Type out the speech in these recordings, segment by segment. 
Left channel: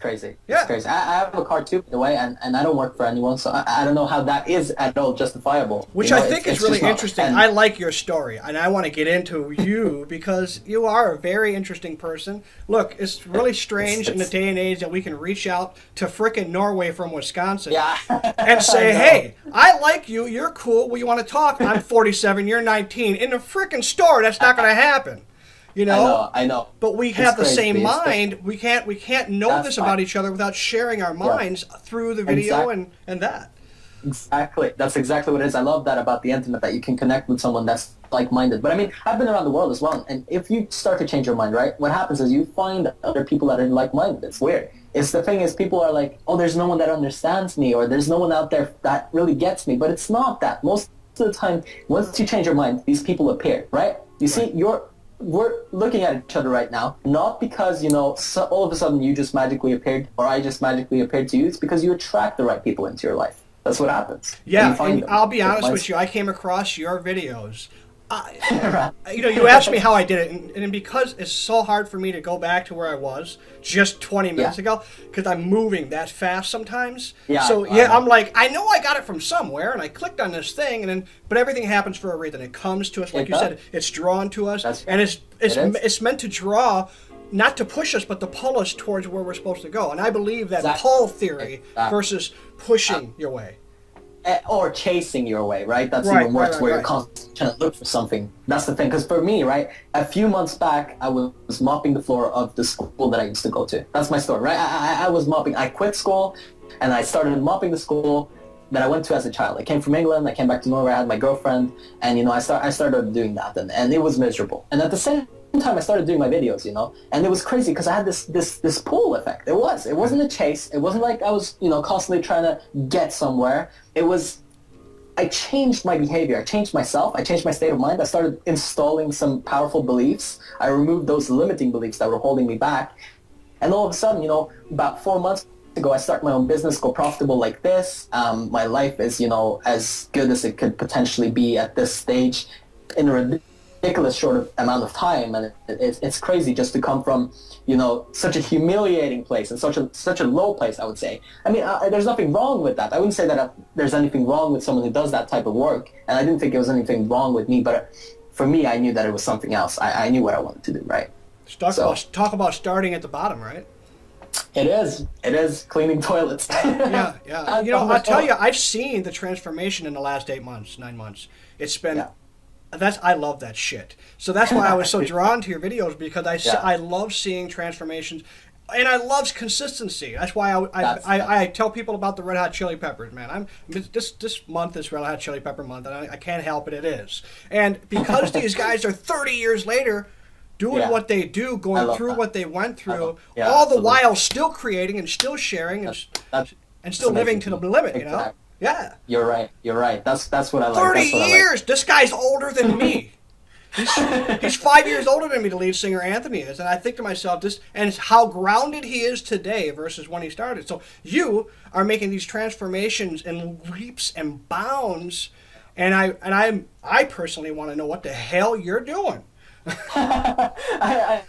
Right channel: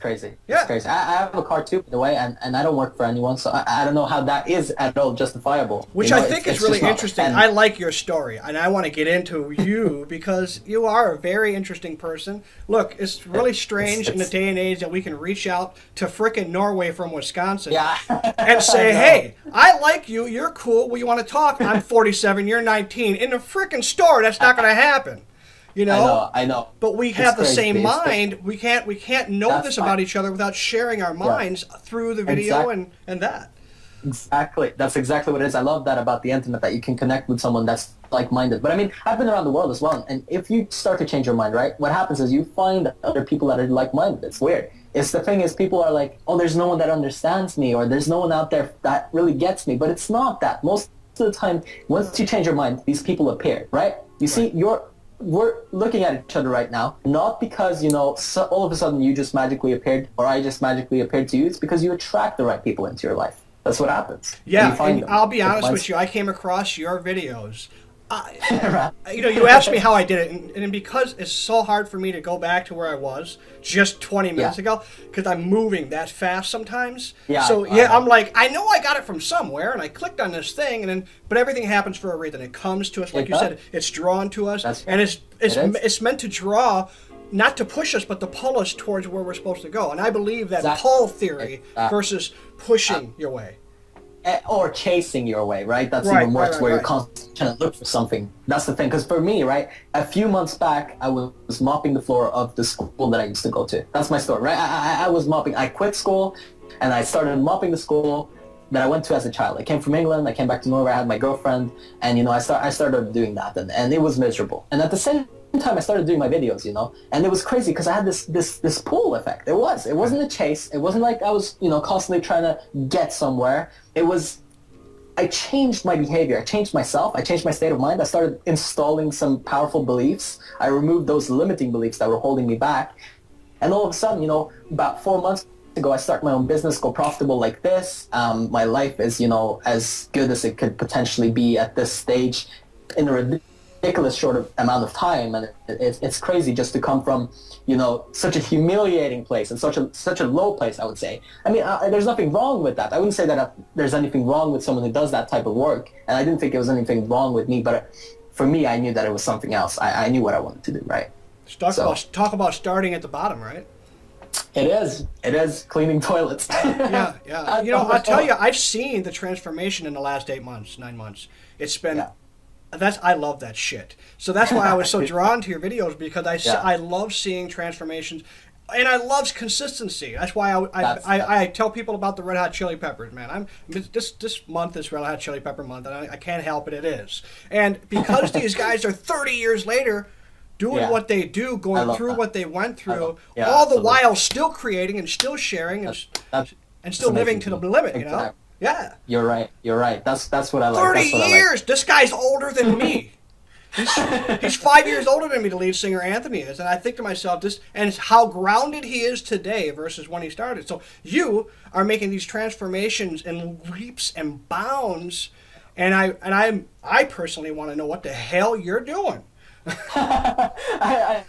crazy. Yeah. It's crazy. I have a car too, by the way, and I don't work for anyone, so I don't know how that is at all justifiable. Which You know, I think is it's really just not. interesting. And I like your story, and I want to get into you because you are a very interesting person. Look, it's really strange in the day and age that we can reach out to frickin' Norway from Wisconsin yeah, and say, I know. hey, I like you, you're cool, well, you want to talk? I'm 47, you're 19. In the frickin' store, that's not going to happen. You know? I know. But we It's have the crazy. same mind. We can't know That's this fine. about each other without sharing our Yeah. minds through the video Exactly. and that. Exactly. That's exactly what it is. I love that about the internet, that you can connect with someone that's like-minded. But I mean, I've been around the world as well, and if you start to change your mind, right, what happens is you find other people that are like-minded. It's weird. It's the thing is, people are like, oh, there's no one that understands me, or there's no one out there that really gets me. But it's not that. Most of the time, once you change your mind, these people appear, right? You see, we're looking at each other right now, not because, you know, so all of a sudden you just magically appeared, or I just magically appeared to you. It's because you attract the right people into your life. That's what happens. Yeah, You find and them. I'll be It's honest my- with you. I came across your videos. You know, you asked me how I did it, and because it's so hard for me to go back to where I was just 20 minutes ago, because I'm moving that fast sometimes. Yeah, So I know. I'm like, I know I got it from somewhere, and I clicked on this thing, and then, but everything happens for a reason. It comes to us, like It you does. said, it's drawn to us, That's and it is. it's meant to draw. Not to push us, but to pull us towards where we're supposed to go. And I believe that Exactly. pull theory Exactly. versus pushing your way. Or chasing your way, right? That's Right, even worse, right, where right. you're constantly trying to look for something. That's the thing. Because for me, right, a few months back, I was mopping the floor of the school that I used to go to. That's my story, right? I was mopping. I quit school, and I started mopping the school that I went to as a child. I came from England. I came back to Norway. I had my girlfriend, and you know, I started doing that, and it was miserable. And at the same time, I started doing my videos, you know, and it was crazy because I had this pull effect. It wasn't a chase. It wasn't like I was, you know, constantly trying to get somewhere. It was, I changed my behavior. I changed myself. I changed my state of mind. I started installing some powerful beliefs. I removed those limiting beliefs that were holding me back. And all of a sudden, you know, about 4 months ago, I started my own business, go profitable like this. My life is, you know, as good as it could potentially be at this stage in a ridiculous short amount of time. And it's crazy just to come from, you know, such a humiliating place and such a low place, I would say. I mean, there's nothing wrong with that. I wouldn't say that there's anything wrong with someone who does that type of work. And I didn't think there was anything wrong with me, but for me, I knew that it was something else. I knew what I wanted to do, right? Talk about starting at the bottom, right? It is cleaning toilets. Yeah. You know, I'll tell you, I've seen the transformation in the last 8 months, 9 months. It's been, I love that shit. So that's why I was so drawn to your videos, because I love seeing transformations, and I love consistency. That's why I tell people about the Red Hot Chili Peppers, man. This month is Red Hot Chili Pepper month, and I can't help it. It is, and because these guys are 30 years later doing what they do, going through what they went through, all the while still creating and still sharing and still living to the limit, you know? Yeah. You're right. That's what I like. 30 years! This guy's older than me. He's 5 years older than me, the lead singer Anthony is. And I think to myself, and how grounded he is today versus when he started. So you are making these transformations in leaps and bounds, and I personally want to know what the hell you're doing. I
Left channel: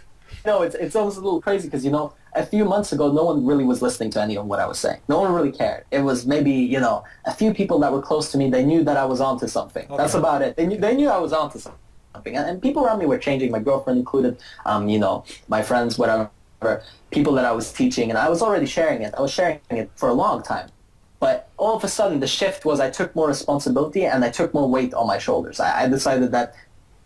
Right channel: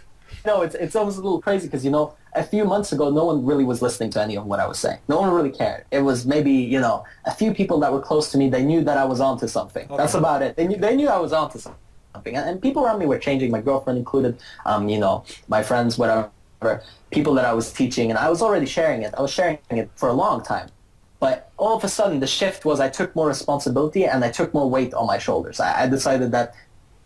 know it's almost a little crazy because, you know, a few months ago, no one really was listening to any of what I was saying. No one really cared. It was maybe, you know, a few people that were close to me. They knew that I was onto something. Okay. That's about it. They knew I was onto something. And people around me were changing, my girlfriend included, you know, my friends, whatever, people that I was teaching. And I was already sharing it. I was sharing it for a long time. But all of a sudden, the shift was I took more responsibility and I took more weight on my shoulders. I decided that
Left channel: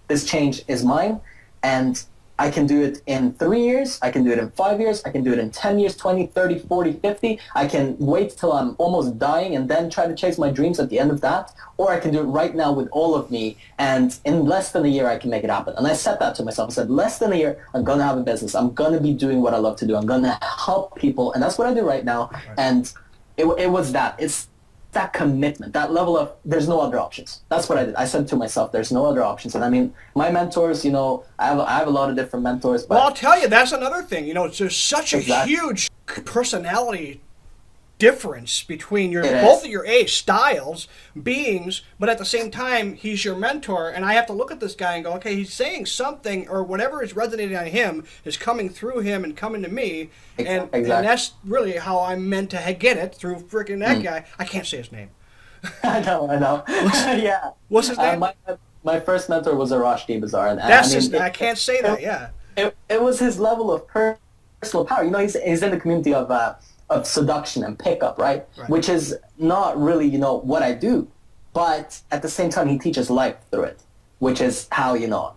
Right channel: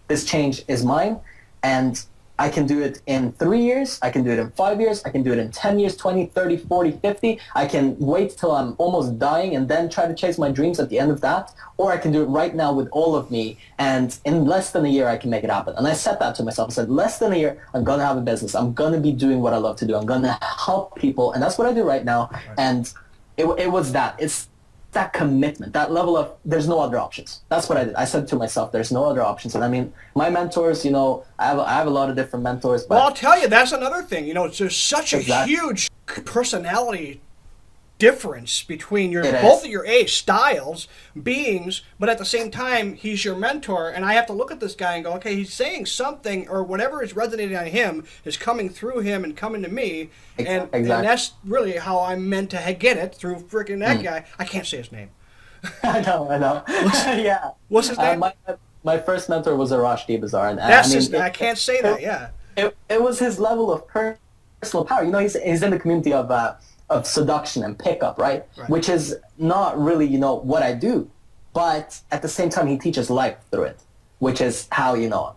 this change is mine, and I can do it in 3 years, I can do it in 5 years, I can do it in 10 years, 20, 30, 40, 50. I can wait till I'm almost dying and then try to chase my dreams at the end of that, or I can do it right now with all of me, and in less than a year I can make it happen. And I said that to myself. I said, less than a year, I'm going to have a business. I'm going to be doing what I love to do. I'm going to help people, and that's what I do right now. Right. And it was that. It's that commitment, that level of there's no other options. That's what I did. I said to myself, there's no other options. And I mean, my mentors, you know, I have a lot of different mentors. But well, I'll tell you, that's another thing. You know, there's such a huge personality difference between both of your styles, beings, but at the same time, he's your mentor, and I have to look at this guy and go, okay, he's saying something, or whatever is resonating on him is coming through him and coming to me, and that's really how I'm meant to get it, through freaking that guy. I can't say his name. I know. Yeah. What's his name? My first mentor was Arash Dibazar, and that's I can't say that. Yeah. It was his level of personal power. You know, he's in the community of seduction and pickup, right? Which is not really, you know, what I do, but at the same time he teaches life through it, which is how, you know,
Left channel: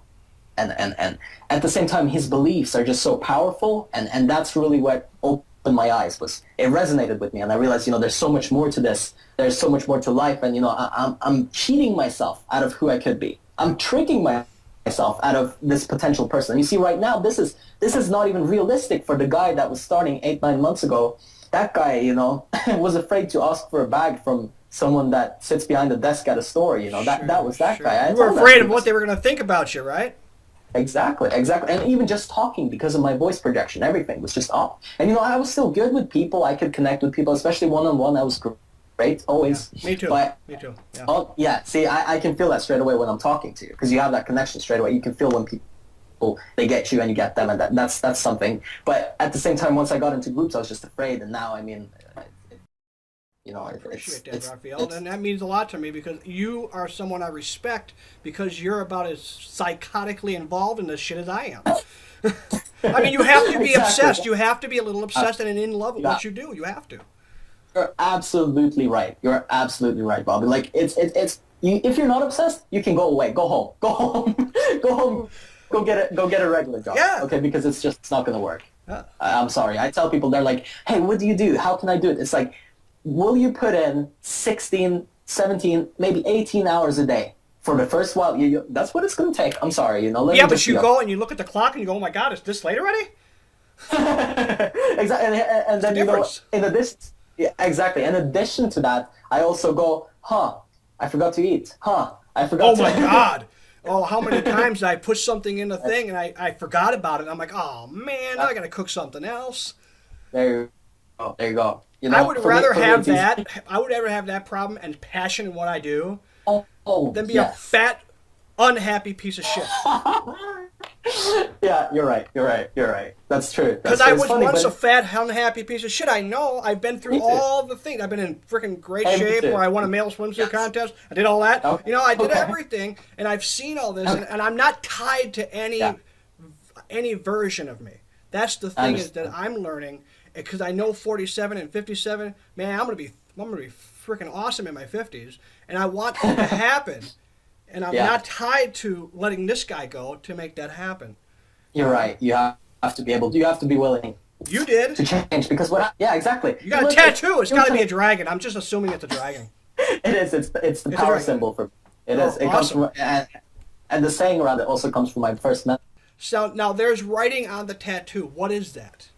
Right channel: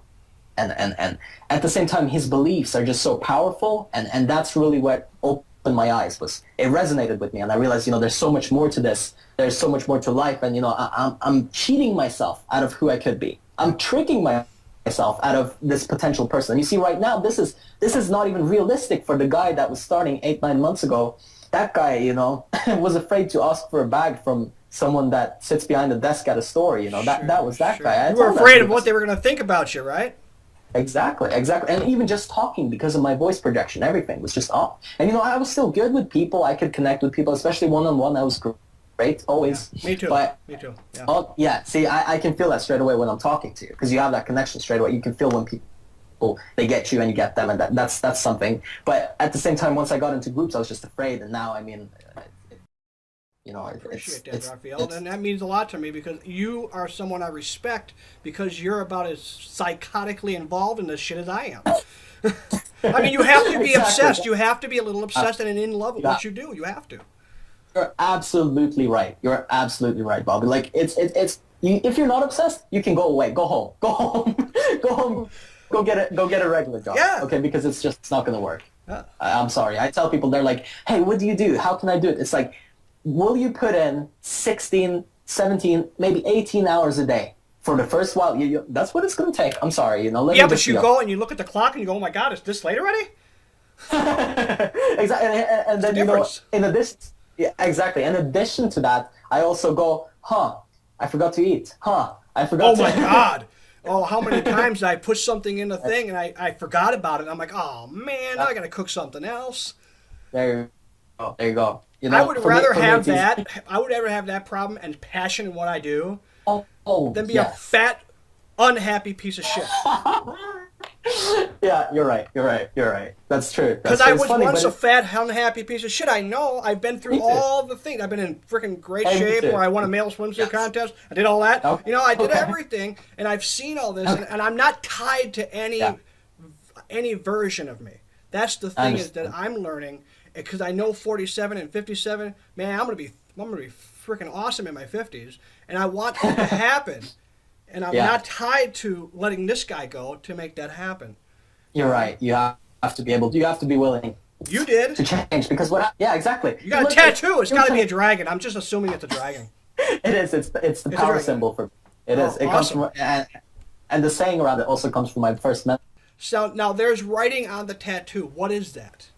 and at the same time his beliefs are just so powerful, and that's really what opened my eyes. It resonated with me, and I realized, you know, there's so much more to this. There's so much more to life, and you know, I'm cheating myself out of who I could be. I'm tricking myself out of this potential person. You see, right now, this is not even realistic for the guy that was starting 8-9 months ago. That guy, you know, was afraid to ask for a bag from someone that sits behind the desk at a store. You know, that was that guy. You were afraid of what they were going to think about you, right? Exactly. And even just talking, because of my voice projection, everything was just off. And you know, I was still good with people. I could connect with people, especially one-on-one. I was great, always. Yeah, me too. Me too. Yeah. Oh, yeah. See, I can feel that straight away when I'm talking to you, because you have that connection straight away. You can feel when people, they get you and you get them, and that's something. But at the same time, once I got into groups, I was just afraid, and now, I mean, you know, I appreciate that, Rafael, and that means a lot to me, because you are someone I respect, because you're about as psychotically involved in this shit as I am. I mean, you have to be obsessed. You have to be a little obsessed and in love with what you do. You have to. You're absolutely right. You're absolutely right, Bobby. Like, it's if you're not obsessed, you can go away, go home, go home. Go get a regular job. Yeah. Okay, because it's not going to work. Yeah. I'm sorry. I tell people, they're like, hey, what do you do? How can I do it? It's like, will you put in 16, 17, maybe 18 hours a day for the first while? That's what it's going to take. I'm sorry. You know. Yeah, but you go and you look at the clock and you go, oh my God, is this late already? Exactly. And then, you know, in addition, yeah, exactly. In addition to that, I also go, I forgot to eat. I forgot to... Oh my God. Oh, how many times I put something in the thing and I forgot about it. I'm like, oh man, now I got to cook something else. There you go. You know, I would rather have that. I would rather have that problem and passion in what I do than be a fat, unhappy piece of shit. Yeah, you're right. That's true. Because I was once a fat, unhappy piece of shit. I know. I've been through all the things. I've been in freaking great shape where I won a male swimsuit contest. I did all that. You know, I did everything, and I've seen all this, and I'm not tied to any version of me. That's the thing, is that I'm learning, because I know 47 and 57. Man, I'm gonna be freaking awesome in my 50s, and I want that to happen. And I'm not tied to letting this guy go to make that happen. You're right. You have to be able. You have to be willing. You did to change, because yeah, exactly. You got a tattoo. It's got to be a dragon. I'm just assuming it's a dragon. It is. It's the power symbol for. It is. It awesome. comes from, and the saying around it also comes from my first mentor. So now there's writing on the tattoo. What is that?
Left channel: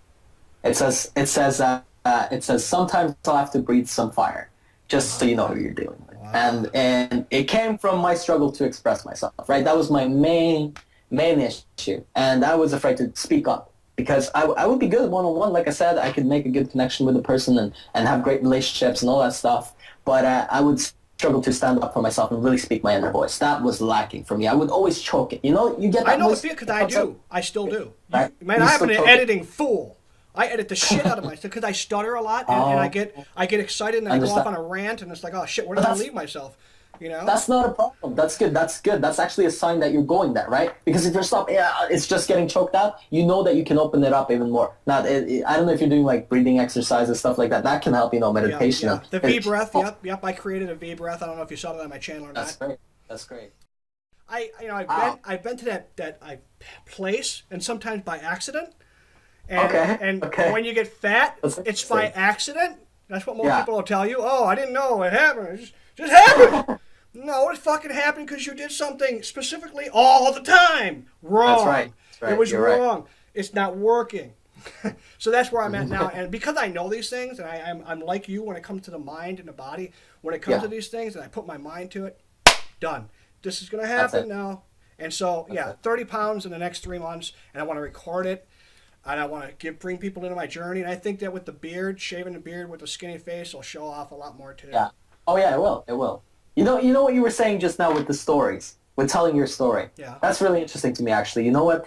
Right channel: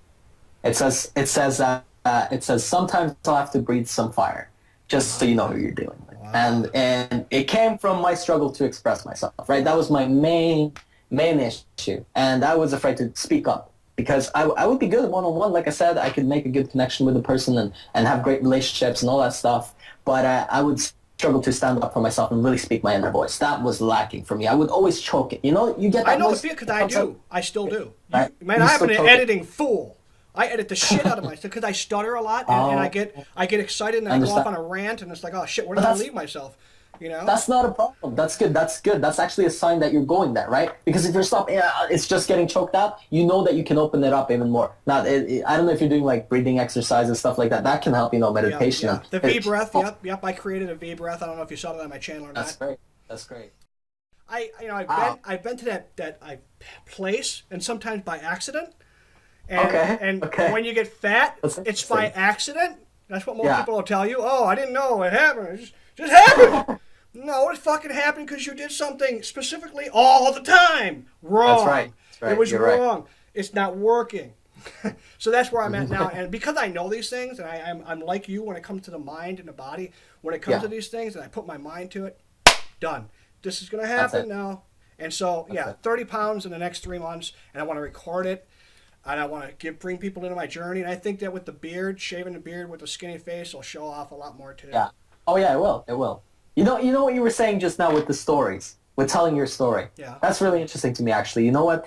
It says sometimes I'll have to breathe some fire, just so you know who you're dealing with. Wow. And it came from my struggle to express myself, right? That was my main issue, and I was afraid to speak up, because I would be good one-on-one. Like I said, I could make a good connection with the person and have great relationships and all that stuff, but I would struggle to stand up for myself and really speak my inner voice. That was lacking for me. I would always choke it. You know, you get that. I know the feel, because I do. I still do. Man, I'm an editing fool. I edit the shit out of myself because I stutter a lot, and I get excited, and I go off on a rant, and it's like, oh shit, where did I leave myself? You know? That's not a problem. That's good. That's actually a sign that you're going there, right? Because if you're it's just getting choked out, you know that you can open it up even more. Now, I don't know if you're doing like breathing exercises, stuff like that. That can help, you know, meditation. Yeah. The V breath. Yep. I created a V breath. I don't know if you saw that on my channel or not. That's great. I've been to that place, and sometimes by accident. And when you get fat, it's by accident. That's what most people will tell you. Oh, I didn't know it happened. It just happened. No, it fucking happened because you did something specifically all the time. Wrong. That's right. It was wrong. Right. It's not working. So that's where I'm at now. And because I know these things, and I'm like you when it comes to the mind and the body, when it comes to these things, and I put my mind to it, done. This is going to happen now. And so, 30 pounds in the next 3 months, and I want to record it. and I want to bring people into my journey. And I think that with the beard, shaving the beard with a skinny face, will show off a lot more too. Yeah. Oh yeah, it will. It will. You know what you were saying just now with the stories, with telling your story. Yeah. That's really interesting to me, actually. You know what?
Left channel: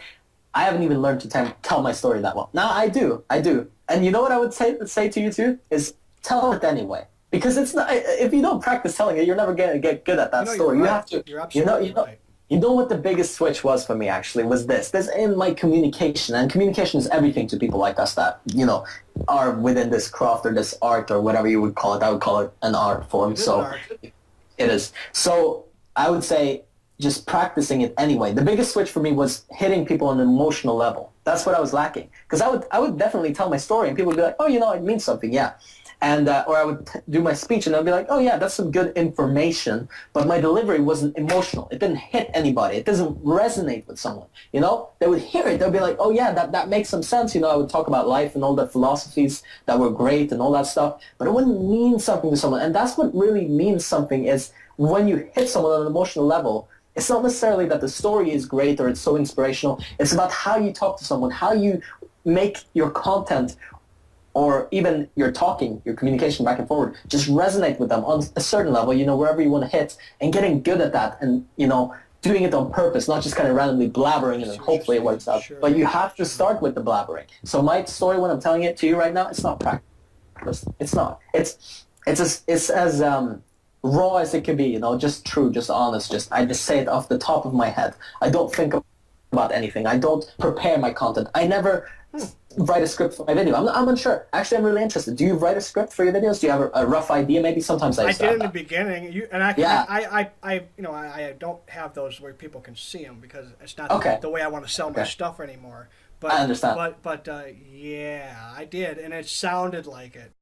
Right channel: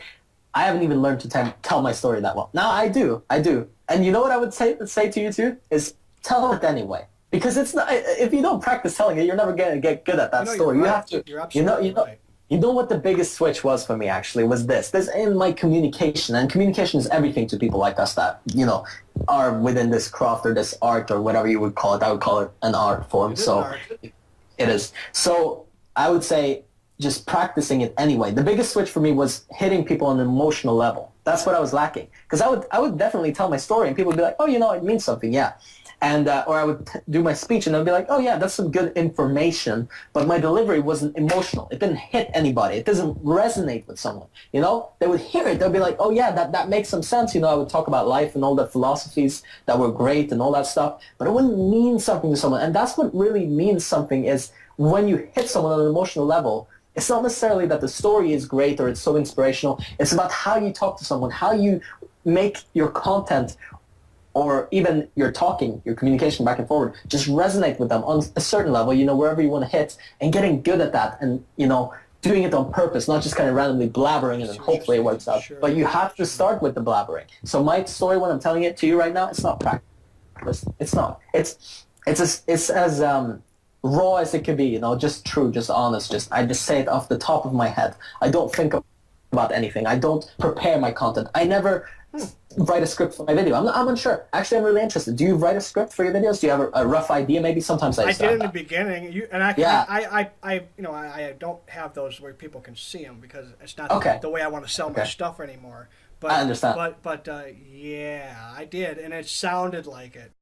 I haven't even learned to tell my story that well. Now I do. And you know what I would say to you too is tell it anyway. Because it's not, if you don't practice telling it, you're never gonna get good at that story. Right. You have to. You're absolutely right. You know what the biggest switch was for me actually was this. This in my communication, and communication is everything to people like us that are within this craft or this art or whatever you would call it. I would call it an art form. It is an art. It is. So I would say just practicing it anyway. The biggest switch for me was hitting people on an emotional level. That's what I was lacking. Because I would definitely tell my story and people would be like, oh, it means something, yeah. And or I would do my speech and I'd be like, oh yeah, that's some good information, but my delivery wasn't emotional. It didn't hit anybody. It doesn't resonate with someone. They would hear it. They'll be like, oh yeah, that makes some sense. I would talk about life and all the philosophies that were great and all that stuff, but it wouldn't mean something to someone. And that's what really means something is when you hit someone on an emotional level. It's not necessarily that the story is great or it's so inspirational. It's about how you talk to someone, how you make your content or even your talking, your communication back and forward, just resonate with them on a certain level, wherever you want to hit, and getting good at that and, doing it on purpose, not just kind of randomly blabbering and then hopefully it works out. Sure. But you have to start with the blabbering. So my story, when I'm telling it to you right now, it's not practice. It's not. It's as raw as it can be, just true, just honest. I just say it off the top of my head. I don't think about anything. I don't prepare my content. I never write a script for my video. I'm unsure. Actually, I'm really interested. Do you write a script for your videos? Do you have a rough idea? Maybe sometimes I did in the beginning. I don't have those where people can see them because it's not the way I want to sell my stuff anymore. But I understand. But yeah, I did, and it sounded like it.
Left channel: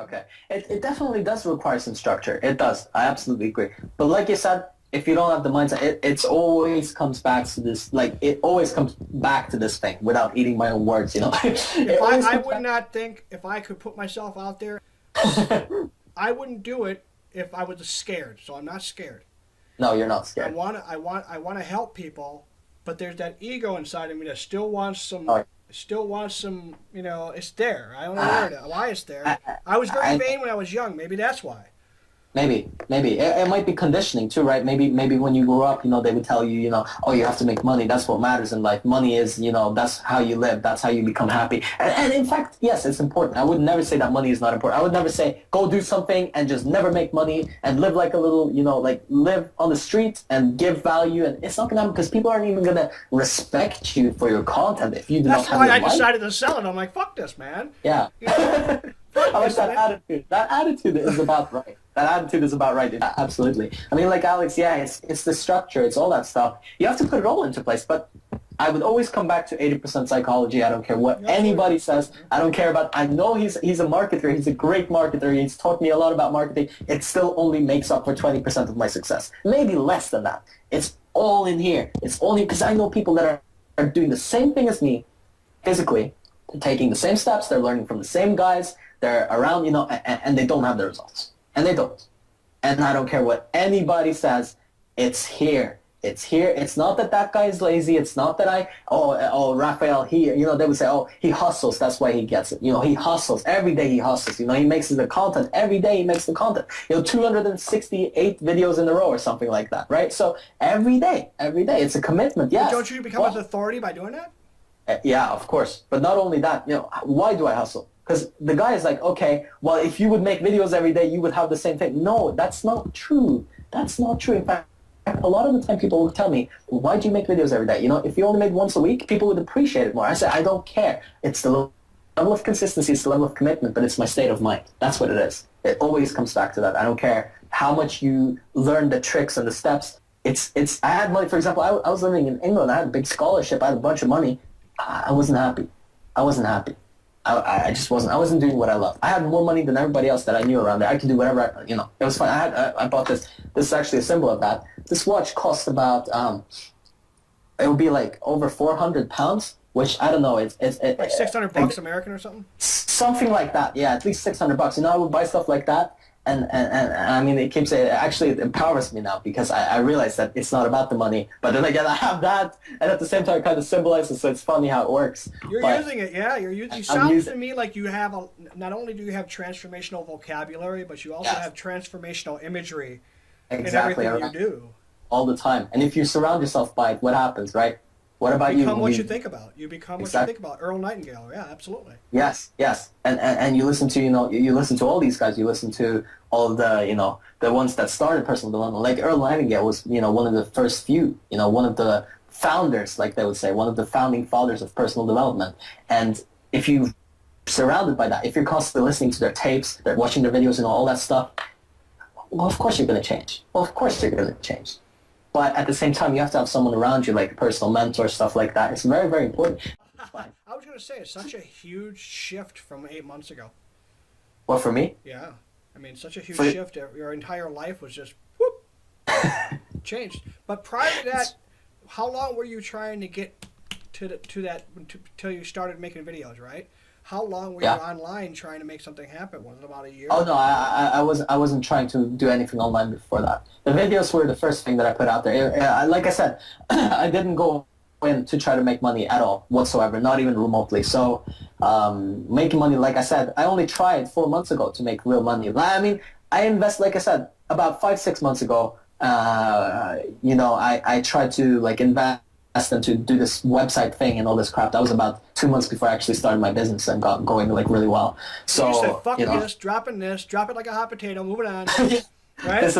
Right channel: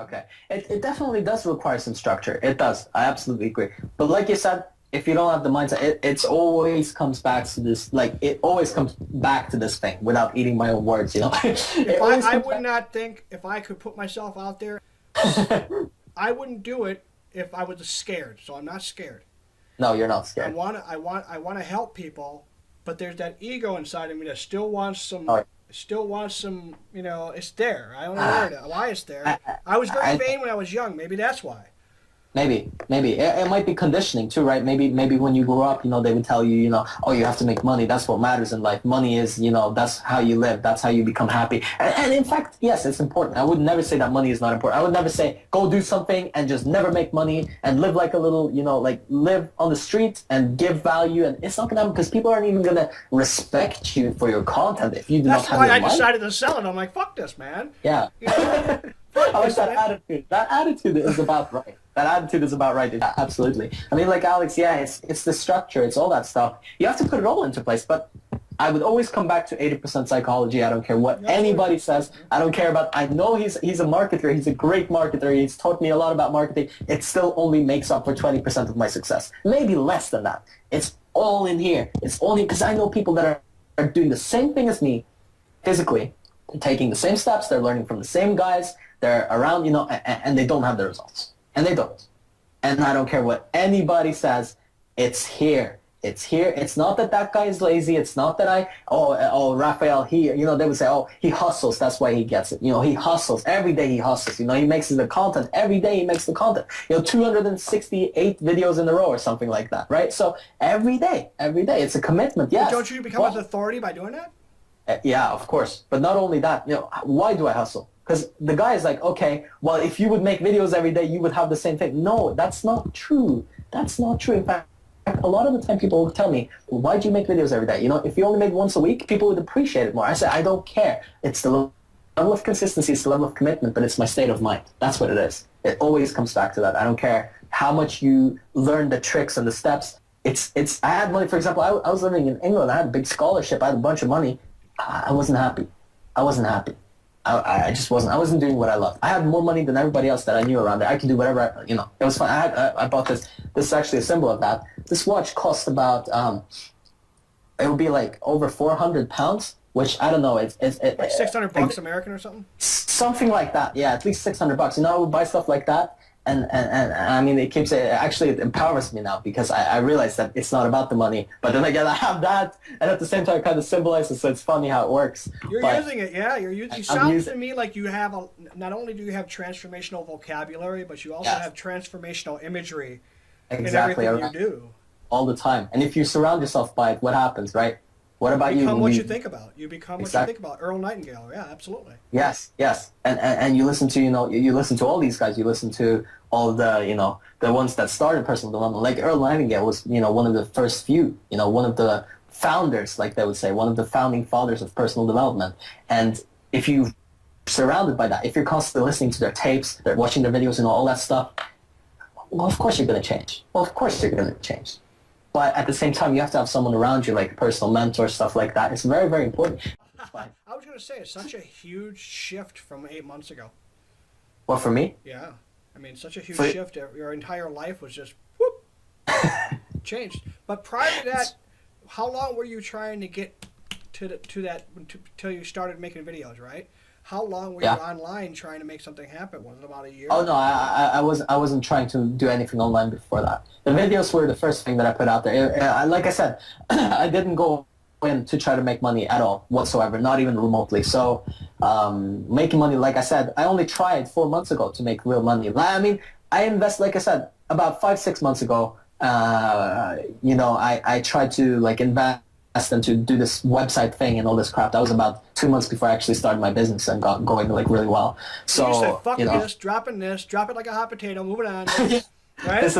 Okay. It definitely does require some structure. It does. I absolutely agree. But like you said, if you don't have the mindset, it always comes back to this. Like it always comes back to this thing without eating my own words. I would not think if I could put myself out there, I wouldn't do it if I was scared. So I'm not scared. No, you're not scared. I want to help people, but there's that ego inside of me that still wants some. It's there. I don't know why it's there. I was very vain when I was young. Maybe that's why. Maybe it might be conditioning too, right? Maybe when you grew up, they would tell you, oh, you have to make money. That's what matters in life. Money is, that's how you live. That's how you become happy. And in fact, yes, it's important. I would never say that money is not important. I would never say go do something and just never make money and live like a little, like live on the street and give value. And it's not gonna happen because people aren't even gonna respect you for your content if you do not have. That's why I decided to sell it. I'm like, fuck this, man. Yeah. I like that attitude. That attitude is about right. That attitude is about right. Absolutely. I mean, like Alex, yeah, it's the structure. It's all that stuff. You have to put it all into place. But I would always come back to 80% psychology. I don't care what anybody says. I don't care about. I know he's a marketer. He's a great marketer. He's taught me a lot about marketing. It still only makes up for 20% of my success. Maybe less than that. It's all in here. It's only because I know people that are doing the same thing as me physically. They're taking the same steps. They're learning from the same guys. They're around, and they don't have the results. And they don't. And I don't care what anybody says. It's here. It's here. It's not that guy is lazy. It's not that RAFAEL, they would say, oh, he hustles. That's why he gets it. He hustles. Every day he hustles. He makes the content. Every day he makes the content. 268 videos in a row or something like that, right? So every day. It's a commitment, yes. But don't you become an authority by doing that? Yeah, of course. But not only that, why do I hustle? Because the guy is like, okay, well, if you would make videos every day, you would have the same thing. No, that's not true. That's not true. In fact, a lot of the time people will tell me, why do you make videos every day? If you only made once a week, people would appreciate it more. I say, I don't care. It's the level of consistency, it's the level of commitment, but it's my state of mind. That's what it is. It always comes back to that. I don't care how much you learn the tricks and the steps. I had money, for example, I was living in England. I had a big scholarship. I had a bunch of money. I wasn't happy. I just wasn't. I wasn't doing what I loved. I had more money than everybody else that I knew around there. I could do whatever. It was fun. I bought this. This is actually a symbol of that. This watch cost about. It would be like over £400, which I don't know. It's like $600 American or something. Something like that. Yeah, at least $600. I would buy stuff like that, and I mean, it empowers me now because I realize that it's not about the money. But then again, I have that, and at the same time, it kind of symbolizes. So it's funny how it works. You're but using it, yeah. You're using. It sounds to me like you have not only do you have transformational vocabulary, but you also have transformational imagery in everything you do. All the time. And if you surround yourself by it, what happens, right? What about you? Become what you think about. You become what you think about. Earl Nightingale, yeah, absolutely. Yes. And you listen to, you listen to all these guys. You listen to all the, the ones that started personal development. Like Earl Nightingale was, one of the first few, one of the founders, like they would say, one of the founding fathers of personal development. And if you're surrounded by that, if you're constantly listening to their tapes, they're watching their videos and all that stuff, well, of course you're going to change. Well, of course you're going to change. But at the same time, you have to have someone around you, like a personal mentor, stuff like that. It's very, very important. I was going to say, it's such a huge shift from 8 months ago. Well, for me? Yeah. I mean, such a huge shift. Your entire life was just, whoop, changed. But prior to that, how long were you trying to get to that until you started making videos, right? How long were you online trying to make something happen? Was it about a year? Oh no, I wasn't trying to do anything online before that. The videos were the first thing that I put out there. Like I said, I didn't go in to try to make money at all whatsoever, not even remotely. So making money, like I said, I only tried 4 months ago to make real money. I mean, I invest, like I said, about 5-6 months ago. I tried to like invest and to do this website thing and all this crap. That was about 2 months before I actually started my business and got going like really well. So you said, fuck this, drop it like a hot potato, moving on. Right?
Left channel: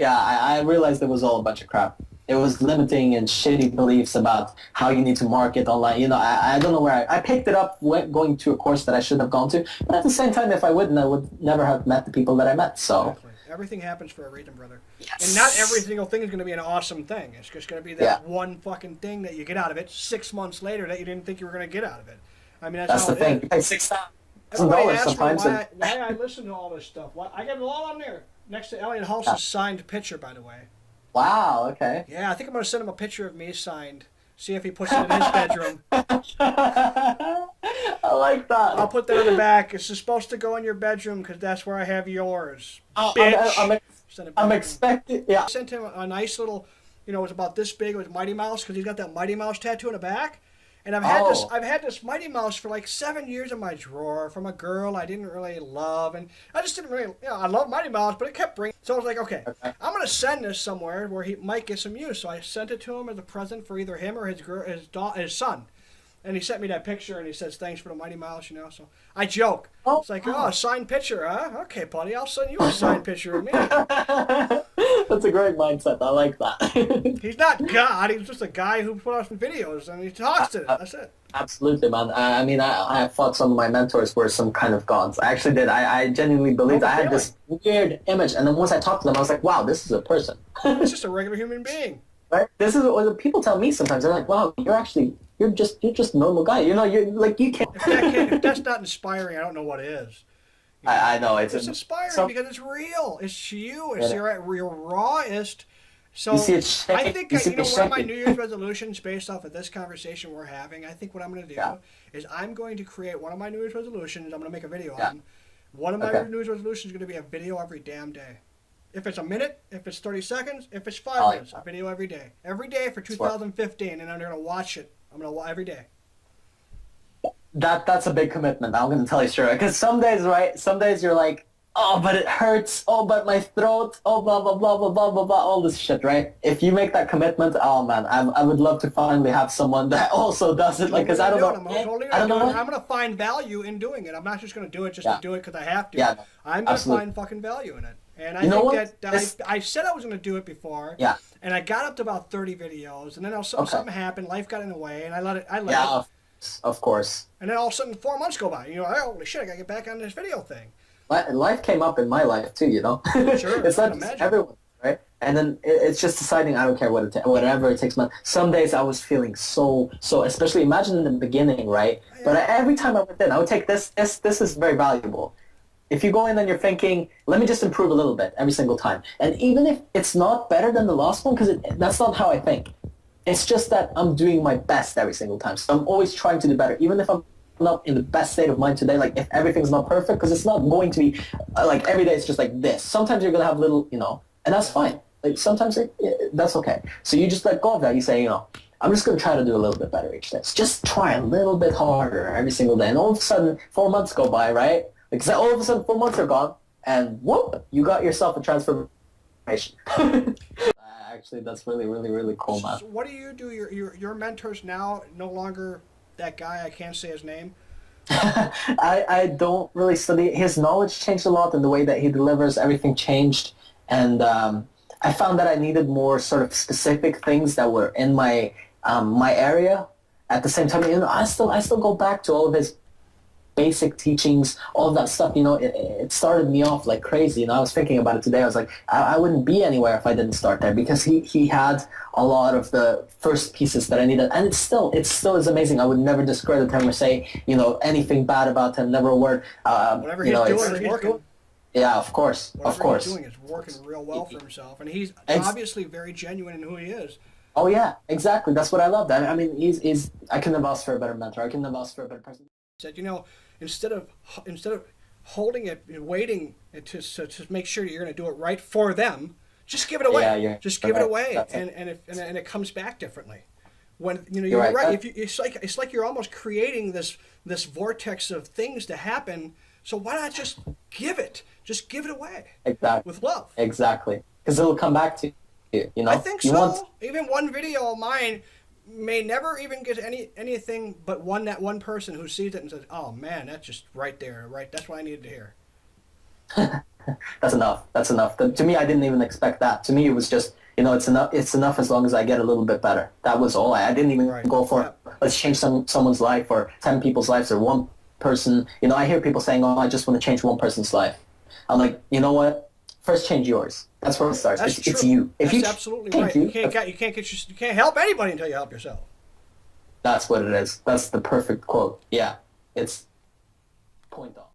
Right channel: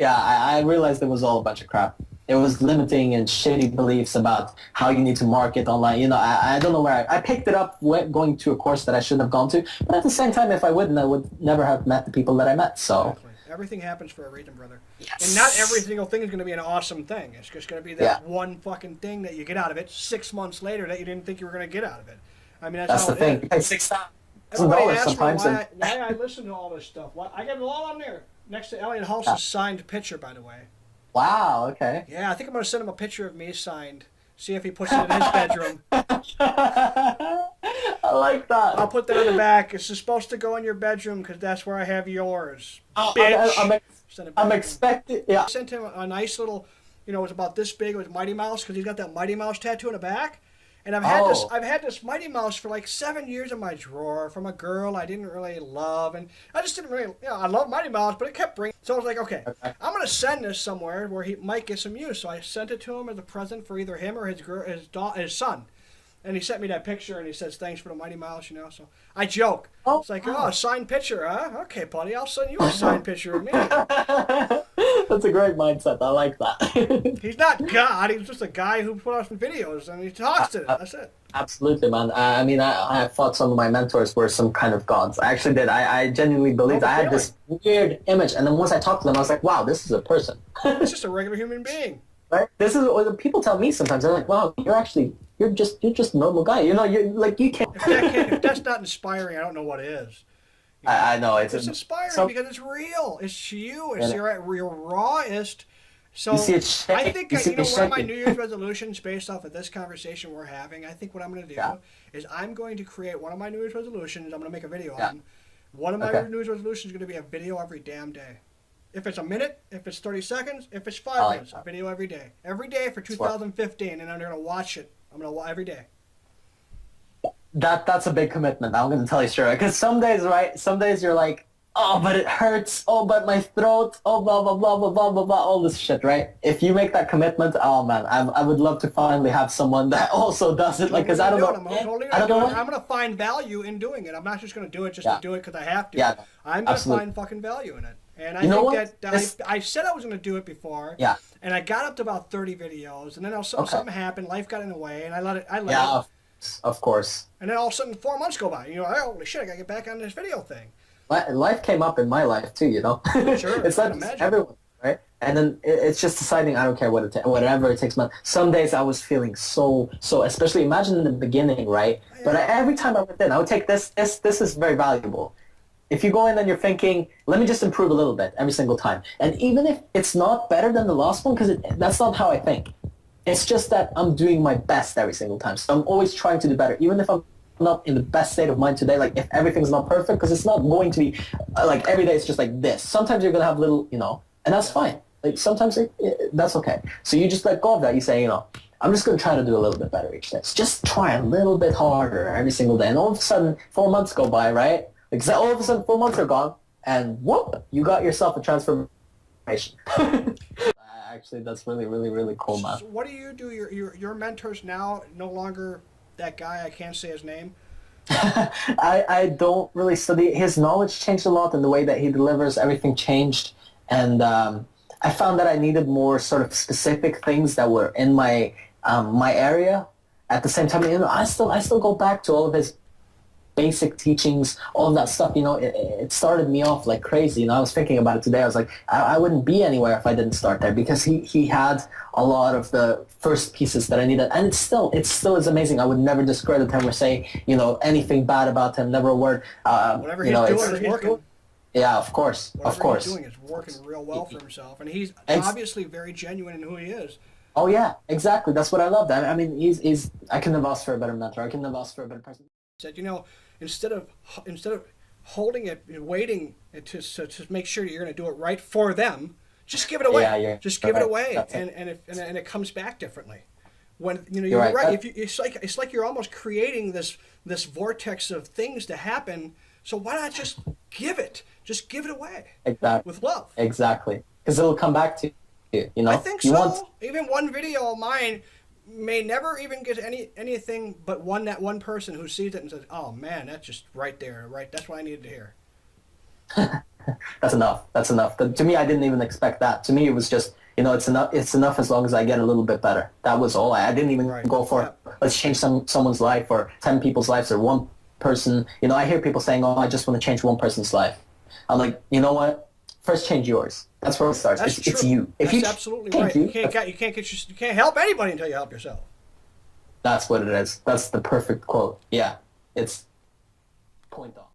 I realized it was all a bunch of crap. It was limiting and shitty beliefs about how you need to market online. I don't know where I picked it up going to a course that I shouldn't have gone to. But at the same time, if I wouldn't, I would never have met the people that I met. So. Exactly. Everything happens for a reason, brother. Yes. And not every single thing is going to be an awesome thing. It's just going to be that one fucking thing that you get out of it 6 months later that you didn't think you were going to get out of it. I mean, that's how the it thing. is. Everybody asks me why I listen to all this stuff. I got it all on there. Next to Elliot Hulse's signed picture, by the way. Wow, okay. Yeah, I think I'm going to send him a picture of me signed. See if he puts it in his bedroom. I like that. I'll put that on the back. It's supposed to go in your bedroom because that's where I have yours. Bitch. I'm expecting, yeah. I sent him a nice little, it was about this big. It was Mighty Mouse because he's got that Mighty Mouse tattoo in the back. And I've had this Mighty Mouse for like 7 years in my drawer from a girl I didn't really love, and I just didn't really, I love Mighty Mouse, but it kept bringing. So I was like, okay, I'm gonna send this somewhere where he might get some use. So I sent it to him as a present for either him or his son, and he sent me that picture and he says thanks for the Mighty Mouse, So I joke. It's like, oh, signed picture, huh? Okay, buddy, I'll send you a signed picture of me. That's a great mindset. I like that. He's not God. He's just a guy who put out some videos and he talks to it. That's it. Absolutely, man. I mean, I thought some of my mentors were some kind of gods. I actually did. I genuinely believed. I had this weird image, and then once I talked to them, I was like, wow, this is a person. It's just a regular human being. Right? This is what people tell me sometimes. They're like, wow, you're just a normal guy. You're like, you can't. If that's not inspiring, I don't know what is. I know it's inspiring because it's real. It's you. It's your rawest. So I think one of my New Year's resolutions, based off of this conversation we're having, I think what I'm going to do is I'm going to create one of my New Year's resolutions. I'm going to make a video on them. One of my New Year's resolutions is going to be a video every damn day. If it's a minute, if it's 30 seconds, if it's 5 minutes, a video every day. Every day for 2015, and I'm going to watch it. I'm going to watch every day. That's a big commitment. I'm going to tell you straight. Because some days, right? Some days you're like, oh, but it hurts. Oh, but my throat. Oh, blah, blah, blah, blah, blah, blah, blah. All this shit, right? If you make that commitment, oh, man, I would love to finally have someone that also does it. Like, because I don't know. I'm going to find value in doing it. I'm not just going to do it just to do it because I have to. Yeah, I'm going to find fucking value in it. And I think that I said I was going to do it before. Yeah. And I got up to about 30 videos, and then something happened. Life got in the way, and I let it. Of course. And then all of a sudden 4 months go by. Holy shit, I got to get back on this video thing. Life came up in my life too, Sure, it's not everyone, right? And then it's just deciding I don't care whatever it takes. Some days I was feeling so, especially imagine in the beginning, right? Yeah. But every time I went in, I would take this is very valuable. If you go in and you're thinking, let me just improve a little bit every single time. And even if it's not better than the last one, because that's not how I think. It's just that I'm doing my best every single time. So I'm always trying to do better. Even if I'm not in the best state of mind today, like if everything's not perfect, because it's not going to be like every day it's just like this. Sometimes you're going to have little, and that's fine. Like sometimes that's okay. So you just let go of that. You say, I'm just going to try to do a little bit better each day. So just try a little bit harder every single day. And all of a sudden, 4 months go by, right? Like all of a sudden, 4 months are gone, and whoop, you got yourself a transformation. Actually, that's really, really, really cool, man. So what do? Your mentors now no longer that guy, I can't say his name. I don't really study. His knowledge changed a lot, and the way that he delivers, everything changed. And I found that I needed more sort of specific things that were in my my area. At the same time, I still go back to all of his basic teachings, all of that stuff. It started me off like crazy. I was thinking about it today. I was like, I wouldn't be anywhere if I didn't start there, because he had a lot of the first pieces that I needed, and it still is amazing. I would never discredit him or say anything bad about him. Never a word. Whatever he's doing is working. Yeah, of course. Whatever he's doing is working real well for himself, and he's obviously very genuine in who he is. Oh yeah, exactly. That's what I love. I mean, he's. I couldn't have asked for a better mentor. I couldn't have asked for a better person. Said, instead of holding it and waiting to make sure you're going to do it right for them, just give it away. Yeah, just give it away, and it comes back differently. When you're right. If it's like you're almost creating this vortex of things to happen. So why not just give it? Just give it away. Exactly. With love. Exactly. Because it'll come back to you. I think so. Even one video of mine may never even get anything but that one person who sees it and says, "Oh man, that's just right there, right? That's what I needed to hear." That's enough. That's enough. To me, I didn't even expect that. To me, it was just, it's enough. It's enough as long as I get a little bit better. That was all. I didn't even go for let's change someone's life or 10 people's lives or one person. I hear people saying, "Oh, I just want to change one person's life." I'm like, you know what? First, change yours. That's where it starts. It's you. That's absolutely right. You can't help anybody until you help yourself. That's what it is. That's the perfect quote. Yeah, it's point on.